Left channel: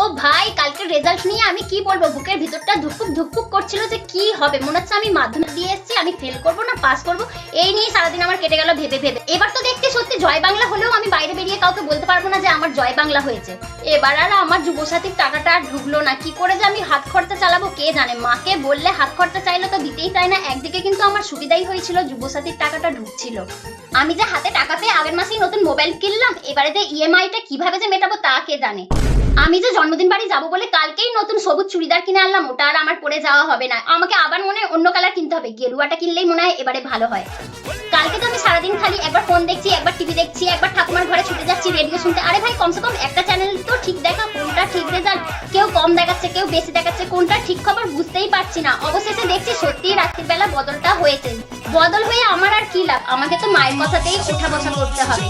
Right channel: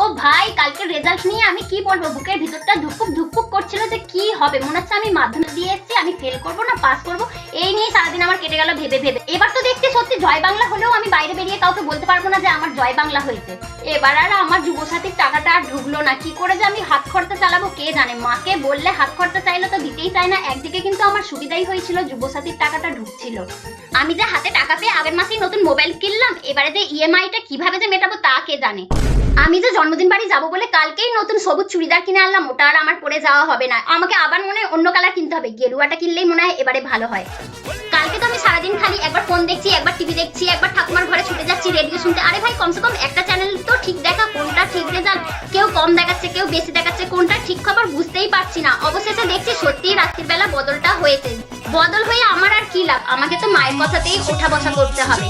ও ভাই, কালকে রেজাল্ট নিয়ে আমি কি বলবো, বুকের ভিতরটা ধুকপুক ধুকপুক করছিল যে কি হবে। মনে হচ্ছে আমি মাধ্যমিক দিয়ে এসেছি, আমি ফেল করবো না পাস করবো, এই নিয়ে সারাদিন আমার কেটে গেল ভেবে ভেবে। এবার তো দেখছি সত্যি জয় বাংলা হলেও আমি বাইরে বেরিয়ে কাউকে বলতে পারবো না যে আমার জয় বাংলা হয়েছে। এবার আর আমার যুবসাথীর টাকাটা আর ঢুকলো না, কি করে যে আমি হাত খরচা চালাবো কে জানে। মাকে বললে হাত খরচা চাইলে তো দিতেই চায় না। একদিকে কিন্তু আমার সুবিধাই হয়েছিল, যুবসাথীর টাকাটা ঢুকছিল। আমি যে হাতে টাকা পেয়ে আগের মাসেই নতুন মোবাইল কিনলাম, এবারে যে ইএমআইটা কিভাবে যে মেটাবো তা কে জানে। আমি যে জন্মদিন বাড়ি যাবো বলে কালকেই নতুন সবুজ চুড়িদার কিনে আনলাম, ওটা আর আমার পরে যাওয়া হবে না। আমাকে আবার মনে হয় অন্য কালার কিনতে হবে, গেরুয়াটা কিনলেই মনে হয় এবারে ভালো হয়। কালকে তো আমি সারাদিন খালি একবার ফোন দেখছি, একবার টিভি দেখছি, একবার ঠাকুমার ঘরে ছুটে যাচ্ছি রেডিও শুনতে। আরে ভাই, কমসে কম একটা চ্যানেল তো ঠিক দেখা, কোনটা ঠিক রেজাল্ট, কেউ কম দেখাচ্ছে কেউ বেশি দেখাচ্ছে, কোনটা ঠিক খবর বুঝতেই পারছি না। অবশ্যই তো দেখছি সত্যিই রাত্রির বেলা বদলটা হয়েছে। বদল হয়ে আমার আর কি লাভ, আমাকে তো মায়ের কথাতেই ওঠা বসা করতে হবে।